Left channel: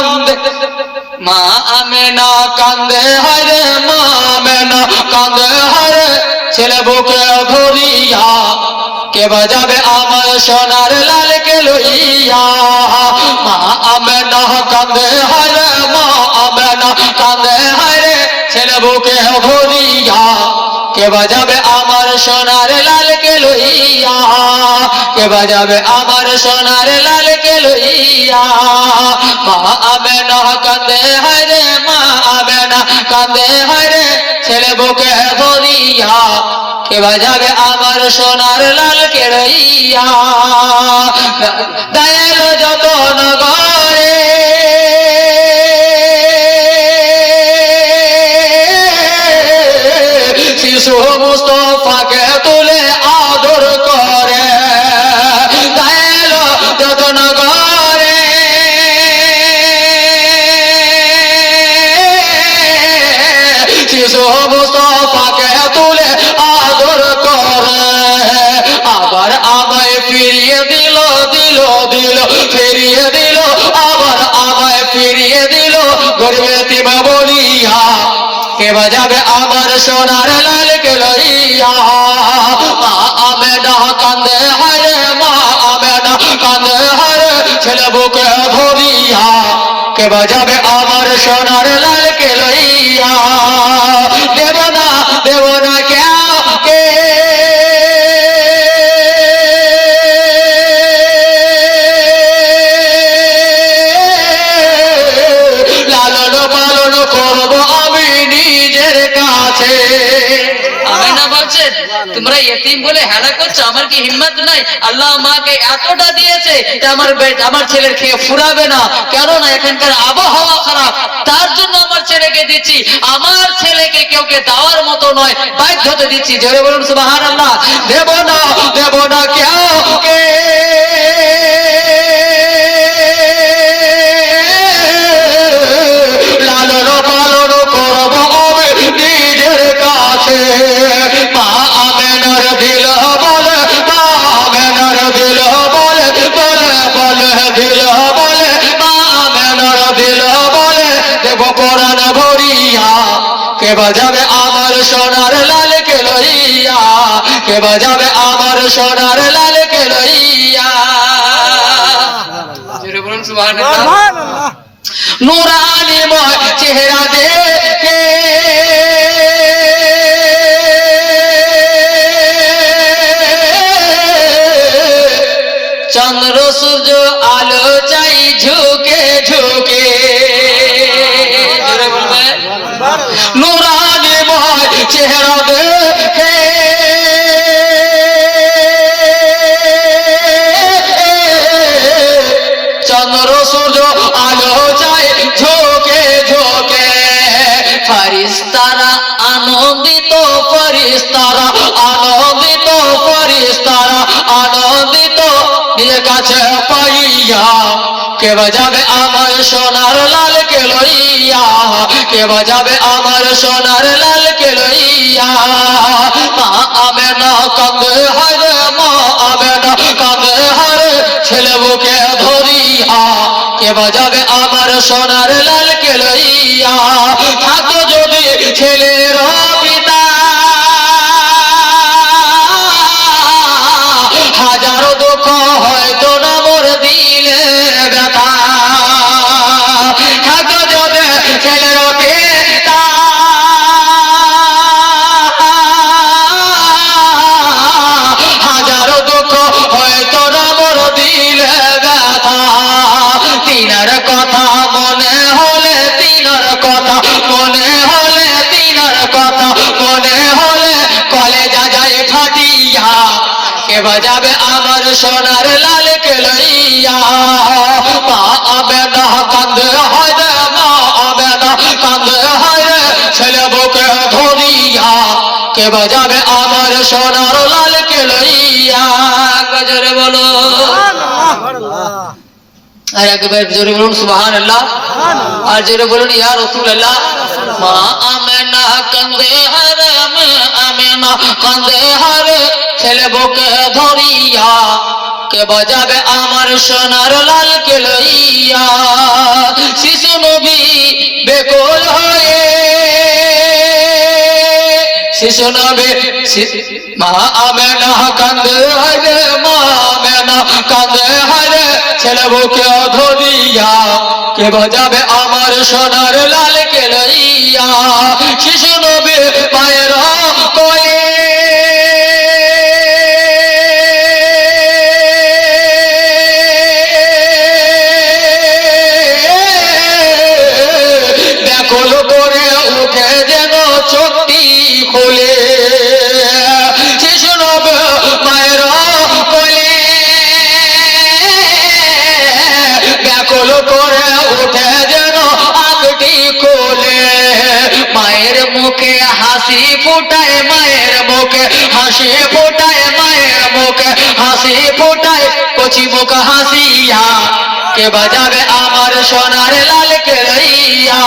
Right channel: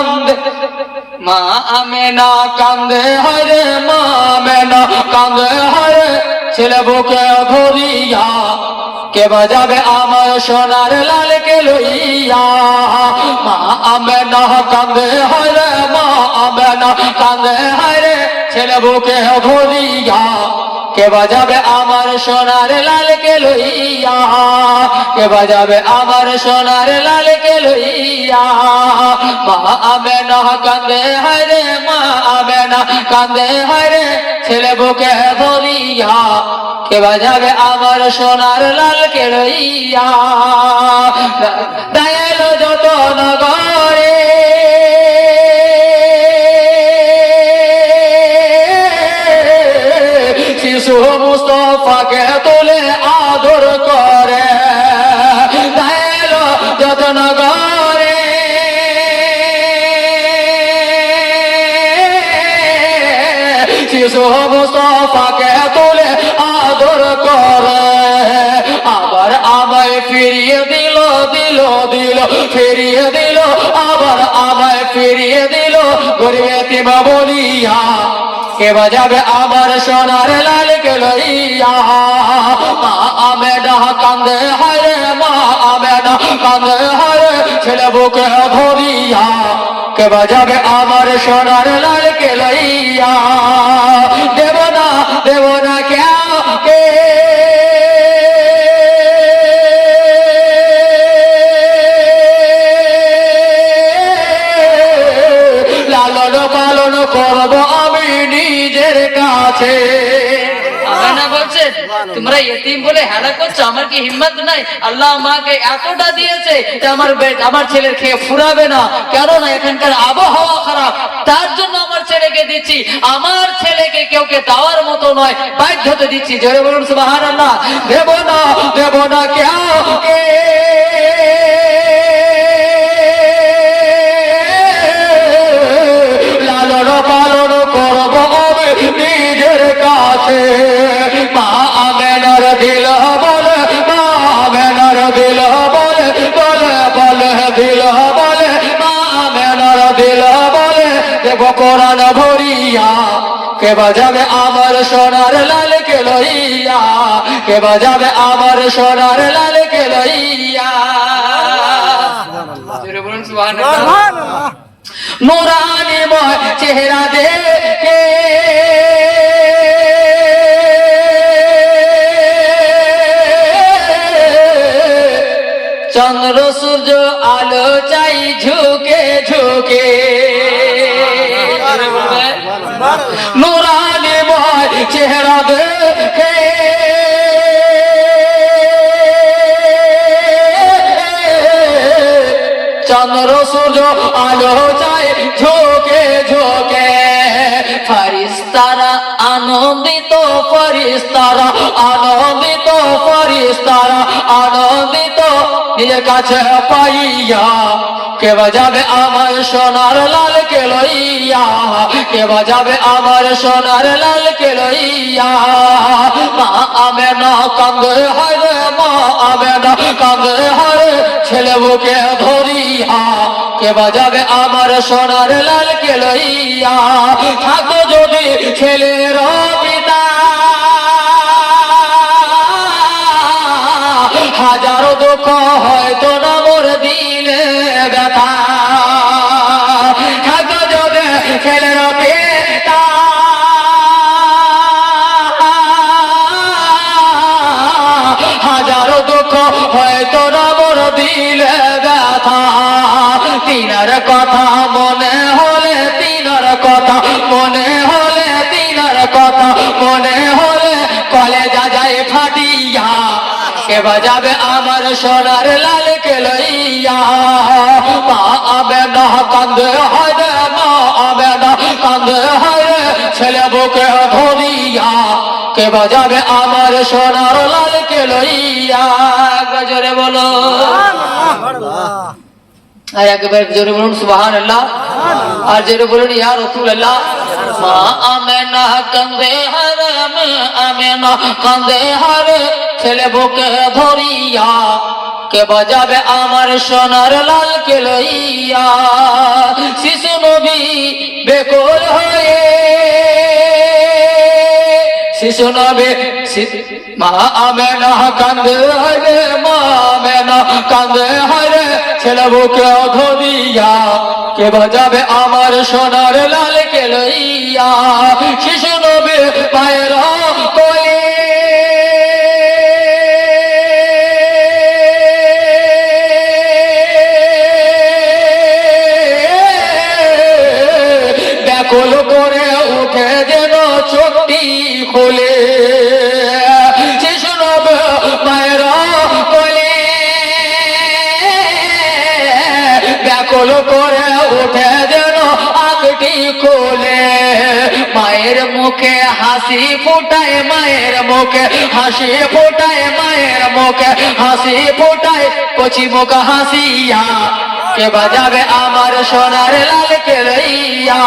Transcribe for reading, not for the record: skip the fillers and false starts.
কান্দে, মা আমেনা কান্দে হারে, মা আমেনা কান্দে হারে, ছেলে বুকে ধরিয়া কে বাজাবে আমার সোনার লালকে লইয়া। মা আমেনা কান্দে হারে, মা আমেনা কান্দে হারে, ছেলে বুকে ধরিয়া কে বাজাবে আমার সোনার লালকে লইয়া, কে বাজাবে আমার সোনার লালকে লইয়া। মা আমেনা কান্দে হারে, মা আমেনা কান্দে হারে, ছেলে বুকে ধরিয়া কে বাজাবে আমার সোনার লালকে লইয়া। দায়ের যত নগরে শিশু মুস্তফাকে তুলে আদর করে, দায়ের যত নগরে শিশু মুস্তফাকে তুলে আদর করে। আবার আমায় ফিরিয়ে দিল, দিল দিল ফিরিয়ে দিল, আবার আমায় ফিরিয়ে দিল গরিব এতিম বলিয়া কে বাজাবে আমার সোনার লালকে লইয়া। মা আমেনা কান্দে হারে, মা আমেনা কান্দে হারে, ছেলে বুকে ধরিয়া কে বাজাবে আমার সোনার লালকে লইয়া। দেব না, দেব না কেউ কে লালন পালন করব আমি নিজের কাছে। তোমরা ইতিম বলে হেলা করছো, আমার কি হিম্মত নাই? আল্লাহ আমাকে এতটা দিয়েছে আমার ছেলের খেয়ে ফুরাবে না, কেননা এখানকার আবহাওয়া খারাপ, তার জন্য আমার ছেলেকে দিচ্ছি। আমার ছেলেকে কেউকে দেওয়ার মতো নয়, বাধ্যতে দিচ্ছি। জোরে বলুন সুবহানাল্লাহ। দেব না, দেব না কেউ কে লালন পালন করব আমি নিজের কাছে। মা আমেনার দিল বলে, মা আমেনার দিল বলে, বলে বলে দিল বলে, মা আমেনার দিল বলে, দেব কোরআন ভরিয়া কে বাজাবে আমার সোনার লালকে লইয়া, কে বাজাবে আমার সোনার লালকে লইয়া। জোরে বলুন সুবহানাল্লাহ। নুরানিময় চেহারা দেখে চন্দ্র সূর্য আলো চাই ঝুঁকে ঝুঁকে, নুরানিময় চেহারা দেখে চন্দ্র সূর্য আলো চাই ঝোঁকে ঝোঁকে। ফেরেশতারা আনন্দিত, ফেরেশতারা আনন্দিত, ফেরেশতারা আনন্দিত নিজের কাছে পাইয়া কে বাজাবে আমার সোনার লালকে লইয়া, কে বাজাবে আমার সোনার লালকে লইয়া। মা আমেনা কান্দে হারে, মা আমেনা কান্দে হারে, ছেলে বুকে ধরিয়া কে বাজাবে আমার সোনার লালকে লইয়া। থাকো যদি ছেলের পিতা হাজারো দুঃখ হয়তো না মোর দিলে ব্যথা, থাকো যদি ছেলের পিতা হাজারো দুঃখ হয়তো না মোর দিলে ব্যথা। তিনার কথা মনে হলে, তিনার কথা মনে হলে, তিনার কথা মনে হলে কলেজা যায় ফাটিয়া কে বাজাবে আমার সোনার লালকে লইয়া। মা আমেনা কান্দে হায়রে, মা আমেনা কান্দে হায়রে, ছেলে বুকে ধরিয়া কে বাজাবে আমার সোনার লালকে লইয়া। গজরে বলো আর একবার জোরে বলুন সুবহানাল্লাহ, আর জোরে বলুন ইয়া রাসূলুল্লাহ। মা আমেনা কান্দে হারে, মা আমেনা কান্দে হারে, ছেলে বুকে ধরিয়া কে বাজাবে আমার সোনার লালকে লইয়া। শিশু নবী মা আমেনা কান্দে হারে, মা আমেনা কান্দে হারে, ছেলে বুকে অধো দিয়া কে বাজাবে আমার সোনার লালকে লইয়া। শিশু নবী মায়ের কোলে ব্যাকুল করে উঠে যেন চোখটি খোলে। শিশু নবী মায়ের কোলে ব্যাকুল করে উঠে যেন আংটি কোলে। মায়ের মুখে হাসি ফোটায়, মায়ের মুখে হাসি ফোটায়, মায়ের মুখে হাসি ফোটায়, কচি মুখ হাসিয়া কে বাজাবে আমার সোনার লালকে লইয়া।